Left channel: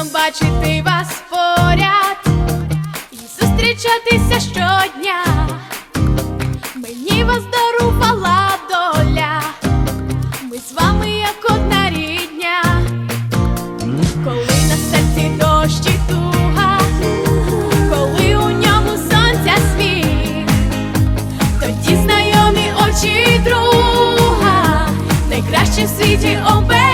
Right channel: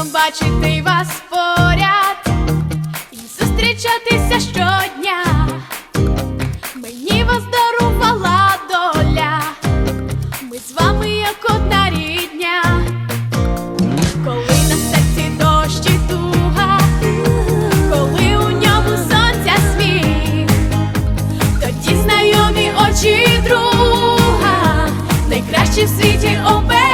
приємно бачити вас поряд і зустрічатися щодня. Мені вас дарувала доля, ми з вами як одна рідня, коли на серці дощ і туга, коли у ньому сонця сміх, тоді знайомі очі друга, найкращі в світі оберіг.